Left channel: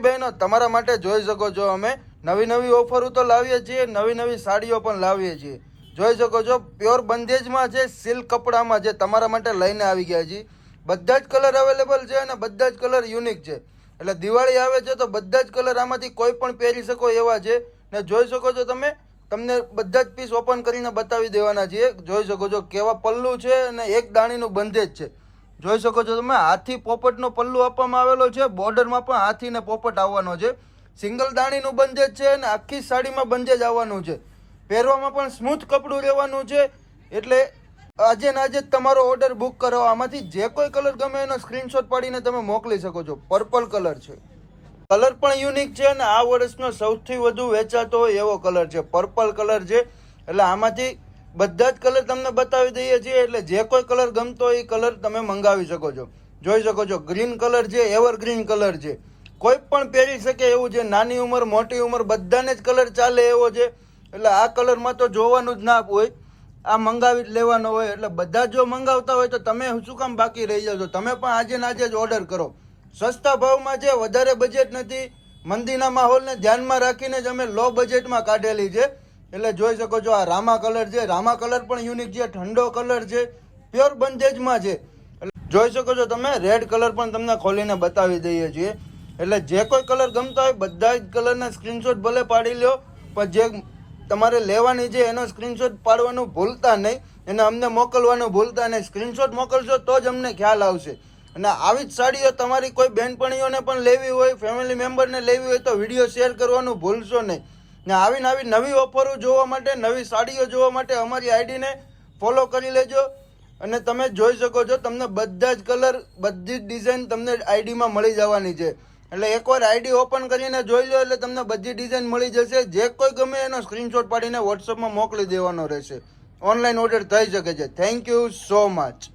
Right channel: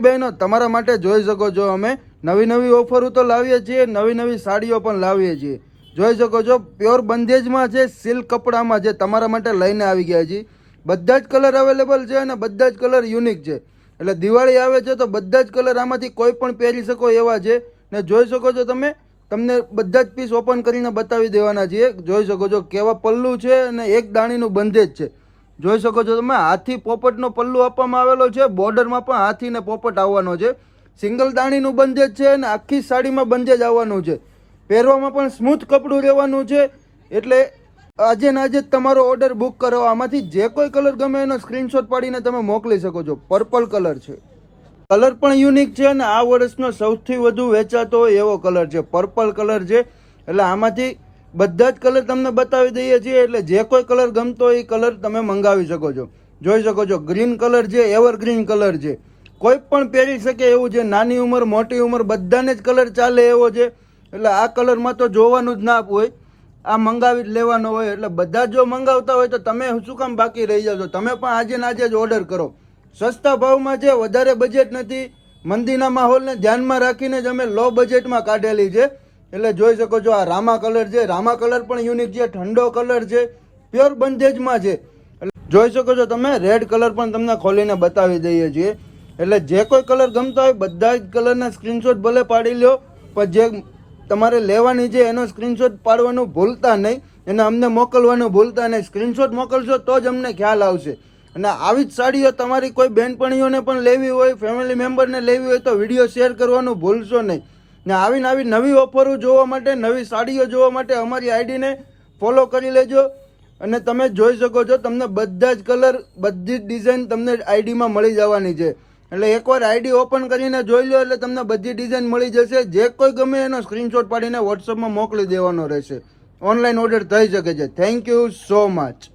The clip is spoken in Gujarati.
બહેનો તમારા માટે જોઈ શકો છો, અમે નવી નવી ઓફરો તો લાવીએ છીએ, નવી નવી સાડીઓ પણ લાવીએ છીએ. જોઈ શકો છો પ્યોર બંધેજમાં છે, સિલ્ક કપડામાં છે, તમારા માટે લઈને આવી ગયા છીએ. બધા જ કલર અવેલેબલ છે અને બધા જ કલર યુનિક છે. એટલે દિવાળી આવે છે તો બધા જ કલર આમાંથી કોઈ પણ પહેરી શકો એવા છે. ને જોઈ શકો છો તમે, તમને બધા જ પીસ ઓપન કરીને બતાવી દેવાના છીએ. જોઈ શકો છો કેવા પલ્લુ છે અને એક દાણીનું બંધેજ છે. જોઈ શકો છો તમે, હાથી પોપટનો પલ્લુ આપવામાં આવેલો છે, બોર્ડરમાં પણ હાથી ને પોપટ આવવાનો છે. સિંગલ દાણીનું બંધેજ છે અને આખી સાડીમાં બંધેજ આવવાનું છે. પહેરવામાં પણ સ્મૂથ કપડું રહેવાનું છે. એટલે આજે ને આજે જ તમારો ઓર્ડર બુક કરો. આમાંથી જે કોઈ કલર ગમે એનો સ્ક્રીનશોટ પાડીને તમે મોકલી શકો છો. પર્પલ કલર છે, કલર પણ યુનિક છે અને આ વર્ષનો સૌથી વધુ વેચાતો હોય એવો કલર છે, પર્પલ કલર છે. એટલે આમાંથી બધા જ કલર તમને બતાવી દઈએ છીએ. એટલે જે કોઈ કલર ગમતો હોય એ કલર તમે મંગાવી શકો છો. જોઈ શકો છો ગ્રીન કલર છે, એવરગ્રીન કલર છે, કોઈ પણ પહેરી શકે એવું છે. નાની ઉંમર મોટી ઉંમર બધાને જ કલર ચાલે એવો છે. એટલે આ કલરમાં તો જોવાનું જ ના હોય, આ મંગાવી જ લેવાનો હોય. એટલે બધા જો મંગાવતા હોય તો તમે શું કામ બાકી રહી જશો? તમે પણ આજે ને આજે જ ઓર્ડર કરો. સસ્તા ભાવમાં છે, વધારે બજેટ નથી. મંદીના માહોલને ધ્યાનમાં રાખીને જ અમે લો બજેટમાં કાઢેલી છે. એટલે જોઈ શકો છો આ રામા કલર છે, રામા કલર પણ યુનિક છે, ઠંડો કલર છે, પ્યોર બંધેજમાં છે. જોઈ શકો છો તમે, રેડ કલર પણ તમને ખોલીને બતાવી દઈએ છીએ. એટલે જે કોઈ કલર ગમતા હોય બધા જ કલરના સ્ક્રીનશોટ ભલે પાડી લો, પણ જે તમારે લેવાની છે એનો સ્ક્રીનશોટ પાડવાનું ભૂલતા નહીં, એને અમને મોકલવાનું ભૂલતા નહીં. સ્ક્રીનશોટ મોકલશો તો જ અમને ખ્યાલ આવશે. અને આવી જ સાડીઓ તમારી કોઈ બહેનપણીઓને પણ લેવી હોય, ફેમિલી મેમ્બરને લેવી હોય તો વિડીયો શેર કરવાનું ભૂલશો નહીં. ને આવી નવી ઓફરો જોવા માટે, નવી સાડીઓ જોવા માટે અમારી આઈડીને ફોલો કરી લેજો. અને તમે જોઈ શકો છો તમને બધા જ કલર, બધી જ ડિઝાઇન તમને આઈડીમાં મળી જવાની છે. એટલે એકવાર આઈડી ઓપન કરીને જોઈ લો એટલે તમને બધી ડિઝાઇન મળી જશે. જે કોઈ ગમે એનો સ્ક્રીનશોટ પાડીને વોટ્સઅપમાં મોકલી દેવાનો રહેશે. ઓનલાઈન ઓર્ડર થઈ શકે છે. Thank you so much.